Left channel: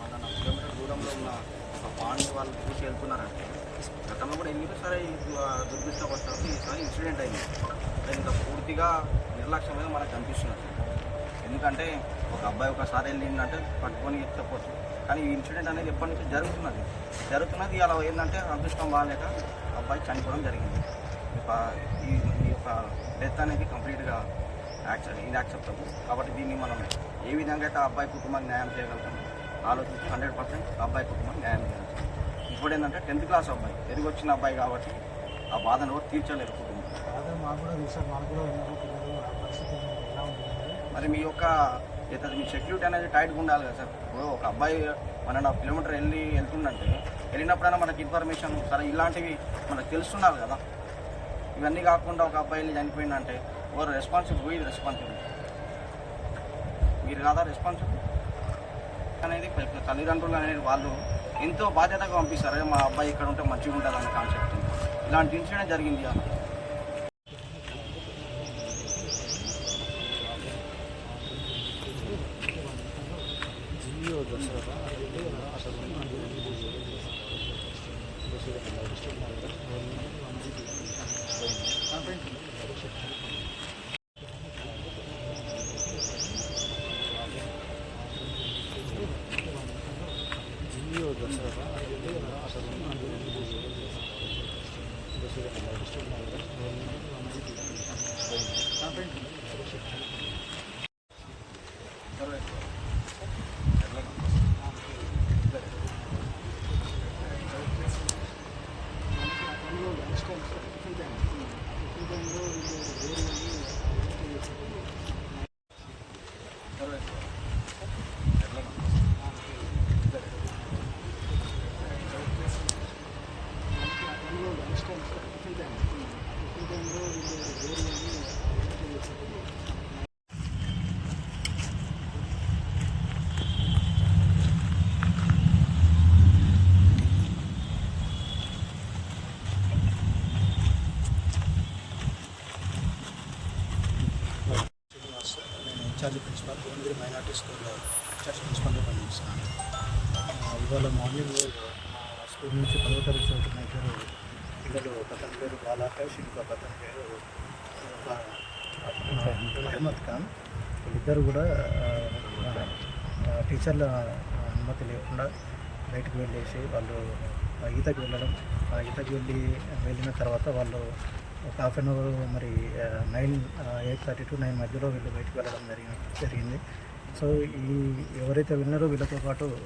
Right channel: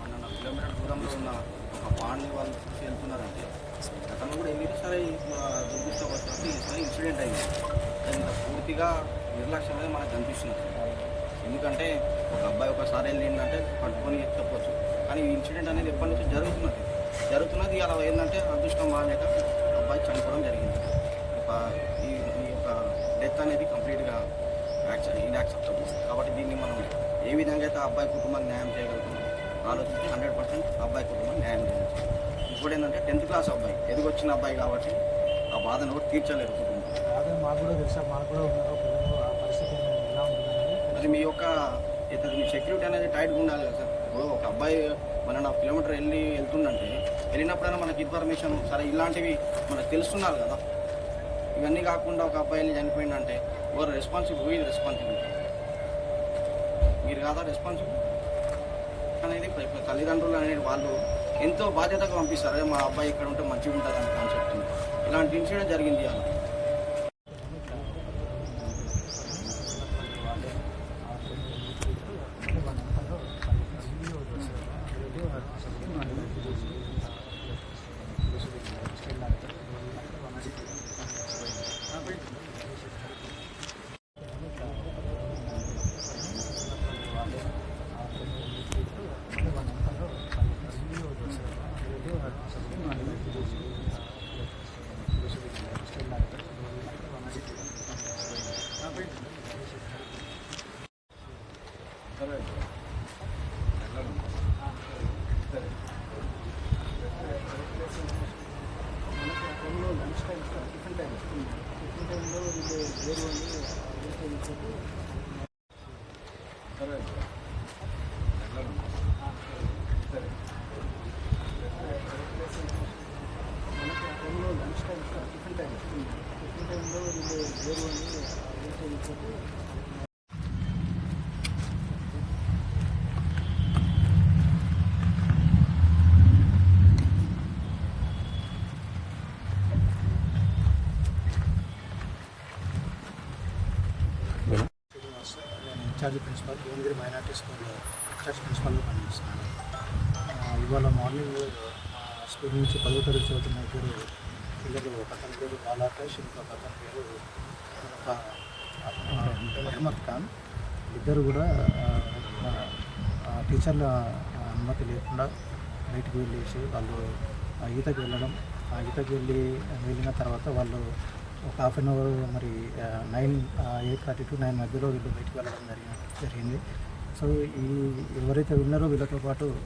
One and kilometre దూరంలో ఉన్న ఒక పాండ్ని వాళ్ళు చూసి వెళ్తున్నారండి. గతంలో కూడా వెళ్ళి సరే దుర్దృష్టవశాత్తు ఈసారి ఇన్సిడెంట్ అయింది. ఇంత పూర్తిగా నిర్లక్ష్యమే మనకు కనిపిస్తున్నది. ఎందుకంటే ఒక అబ్బాయి ఒకసారి వెళ్ళిందంటే పట్టుకొని చెప్పవచ్చు కానీ ఈ ఇన్సిడెంట్ అనేది ఎప్పటి నుంచి జరుగుతున్నది. జరుగుతున్నది అలా ఏంటంటే అదృష్టం బాగాలేక అబ్బాయి చనిపోవడం జరిగింది. ఈ ఈ యొక్క డెత్ అనేది కంప్లీట్గా యాక్సెప్ట్ ఇన్యాక్సెప్టబుల్ కాబట్టి దీన్ని మనం ఏ విధంగా అయితే ఆ అబ్బాయి కుటుంబానికి న్యాయం చేయగలుగుతున్నాం ఆలోచించి హండ్రెడ్ పర్సెంట్ అబ్బాయి కుటుంబానికి న్యాయం చేయాలి. ఇప్పుడు ఏంటంటే టెన్త్ క్లాస్ అబ్బాయి ఎదిగొచ్చిన అబ్బాయి కాబట్టి ఆ బాధను కూడా తీర్చలేరు కుటుంబం. మాకు కూడా తెలుసా మాకు కూడా ఉన్నారు పిల్లలు ఆ పరిస్థితి ఎలా ఉంటుందనేది మరి మీ యొక్క ఇతను మీ సెక్యూరిటీ అనేది టైట్గా ఉండాలి కదా సార్. ఇప్పుడు ఒక అబ్బాయి వన్ అండ్ హాఫ్ కిలోమీటర్ వెళ్ళి వెళ్తుందంటే వెళ్ళినప్పుడైనా మనకి ఇన్ఫర్మేషన్ సరే ఇలాంటివి మనకు తెలుస్తుండాలి కదా. ఇవన్నీ కాకుండా ఒక అబ్బాయి వెళ్ళి చనిపోయిందంటే ఓవర్ రెస్పాన్సిబుల్ ఇది రెస్పాన్సిబుల్ మీరు కాదా రెస్పాన్సిబుల్ అనేది తల్లిదండ్రులు అనేది వాళ్ళు ఎంతో బాధ్యతగా పంపిస్తారు. అదే మా అబ్బాయి ఇక్కడ ఉంటే మంచిగా ఉంటుంది అనే కాన్సెప్ట్ ఇలాంటి ఇన్సిడెంట్ జరిగింది అన్న. Lunch time tiffin time tiffin టైంలో వీళ్ళు వేరు ఉంది అడిగితే చెప్పి మనకి ఆ టైంలో lunch time tiffin time tiffin టైంలో వీళ్ళు వేరు ఉంది అడిగితే చెప్పి శ్రీనివాస్ నేను in charge principal Bhuvanagiri minority school in charge ప్రిన్సిపల్గా పనిచేస్తున్నాను. ఇవాళ మార్నింగ్ మా స్కూల్ నుంచి పదవ తరగతి చదువుతున్న ఇద్దరు పిల్లలు ఒక అతని పేరు బాలాకాష్ ఇంకొక అతని పేరు అహ్మద్ ఖాన్. వీళ్ళిద్దరు కూడా మా టీచర్ల అనుమతి లేకుండా బయటకు వెళ్ళేసి వాళ్ళు ఆ, ఈతకి వెళ్ళడం ఆ ఈతకి వెళ్ళి వెళ్ళిన తర్వాత వాళ్ళు ఒక హాఫ్ అన్ అవర్ మరి nine eight thirty to nine మధ్యలో వీళ్ళు బయటకు వెళ్ళడం జరిగిన జరిగింది. సో ఈ ఎవరైతే విన్నారో వీళ్ళతో పాటు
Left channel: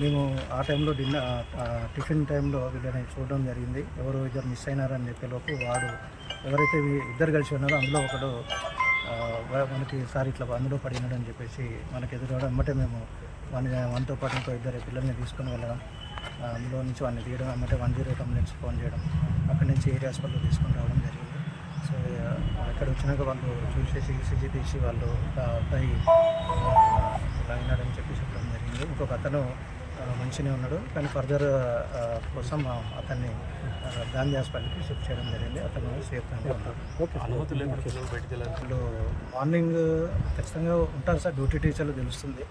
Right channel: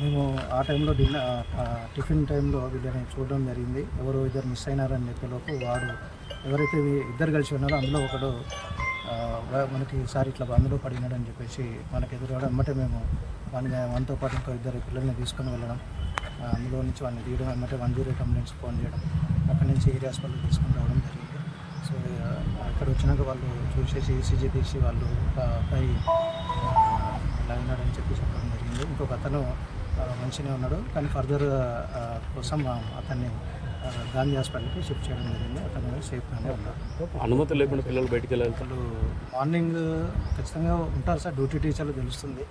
మేము ఆ టైంలో డిన్నర్ టిఫిన్ టైంలో వీళ్ళని చూడడం జరిగింది. ఎవరు ఇద్దరు మిస్ అయినారని చెప్పేలోపు వాడు ఎవరైతే వీ- ఇద్దరు కలిసి ఉన్నారో అందులో ఒకడు మనకి సార్ ఇట్లా అందులో పడినాడని చెప్పేసి మనకి ఎదురవడం ఎమ్మటే మేము వన్ వన్తో పాటు ఇంకో ఇద్దరు పిల్లల్ని తీసుకొని వెళ్ళడం. అందులో నుంచి వాడిని తీయడం ఎమ్మటే వన్ జీరో కంప్లైంట్స్ ఫోన్ చేయడం. అక్కడ నుంచి ఏరియా హాస్పిటల్ తీసుకొని రావడం జరిగింది. సో ఆ, ఇక్కడ వచ్చినాక వాళ్ళు చూసేసి ఈసీజీ తీసి వాళ్ళు అబ్బాయి అయినాడని చెప్పి చెప్పడం జరిగింది. ఇంకొక అతను మంచిగానే ఉన్నాడు. కానీ ఫర్దర్ కోసం అతన్ని గాంధీ హాస్పిటల్కి షిఫ్ట్ చేయడం జరిగింది. అతను సేఫ్గానే ఉన్నాడు. అనుమతి లేకుండా పిల్లలు బయటికి వెళ్ళాలి వాళ్ళు మార్నింగ్ ఖచ్చితంగా ఉంటారు సార్. డ్యూటీ టీచర్లు తెలుస్తుంది.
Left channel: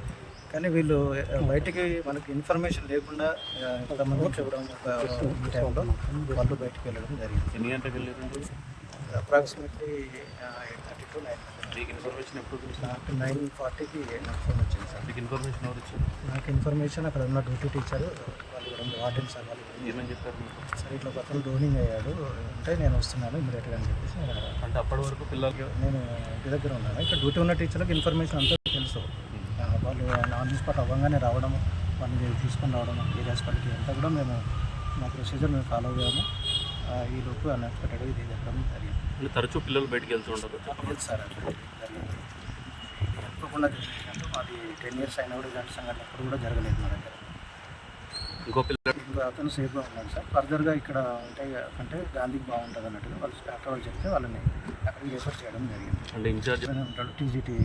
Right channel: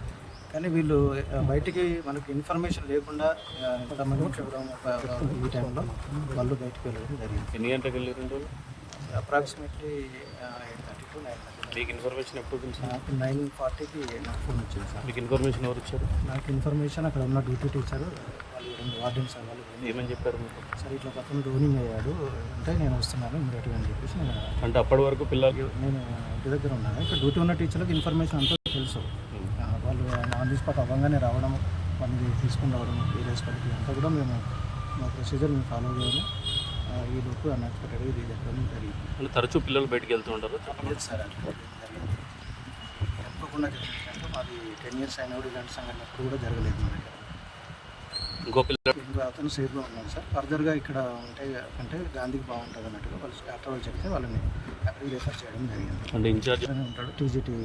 కానీ వీళ్ళు బయటికి మనకి ఇన్ఫర్మేషన్ లేకుండా ఇంతమంది ఈ టైంలో వాళ్ళు బయటికి వెళ్ళడం జరిగింది. ఎన్ని గంటలకు వెళ్ళారు approximately eight thirty to nine మీకు ఇన్ఫర్మేషన్ ఎప్పుడు నాకు నైన్ ఫార్టీకి నాకు ఫోన్ వచ్చింది సార్. మీకు ఇన్ఫర్మేషన్ ఎవరు ఇచ్చారు? నాకు ఇన్ఫర్మేషన్ అక్కడ ఉన్న డ్యూటీ టీచర్ వాళ్ళు ఇవ్వడం వార్డెన్ సార్ వాళ్ళు ఏమని చెప్పారు మీకు? సార్ ఇట్లా ఒక అతను డోనింగ్ అయ్యాడు అంటే నేను వస్తున్నాను ఇమీడియట్గా అని చెప్పేసి నేను అంటే అప్పటి వరకు పిల్లలు నేను ఇంటి దగ్గర ఉన్నాను. ఇక్కడ డ్యూటీ ఉన్న టీచర్లకు ఇన్ఫర్మేషన్ అంతా తెలుసు. వాళ్ళు ఆన్ ది స్పాట్ అవ్వగానే రావడం వాళ్ళని తీసుకొని రావడం ఏరియా హాస్పిటల్కి అంతా కూడా మేము మా ప్రొసీజర్ మేము ఫాలో అయ్యాము. ఈ లోపు అన్ఎక్స్పెక్టెడ్గా ఇది జరగడం జరిగింది. తరచూ పిల్లలు బయటికి వెళ్తుంటారు లేదు సార్ అట్లా జరిగింది అనుకోకుండా జరిగినట్టు మాది టెన్ ఇయర్స్ అయినా కూడా ఇలాంటి సంఘటన ఎప్పుడు కూడా జరగలేదు మా దగ్గర. ఇంకో పిల్లలు ఇంకో అతను సేఫ్గా ఉన్నాడు సార్. ఫర్దర్గా ఇక్కడ ఉంటే కంటే గాంధీకి బాగుంటుంది అన్నట్టుగా వాళ్ళు డాక్టర్ వాళ్ళు చెప్తే వాళ్ళని అక్కడికి రిఫర్ చేయడం జరిగింది. ఉంటాడు టీజీటీ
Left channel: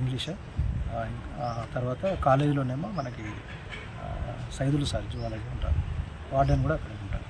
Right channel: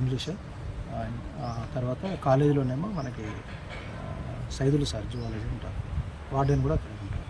ఇంగ్లీష్ తర్వాత కాలేజీలోనేమో మనకి సైదులు సార్ జువాలజీ ఉంటారు. వార్డెన్ కూడా అక్కడే ఉంటారు.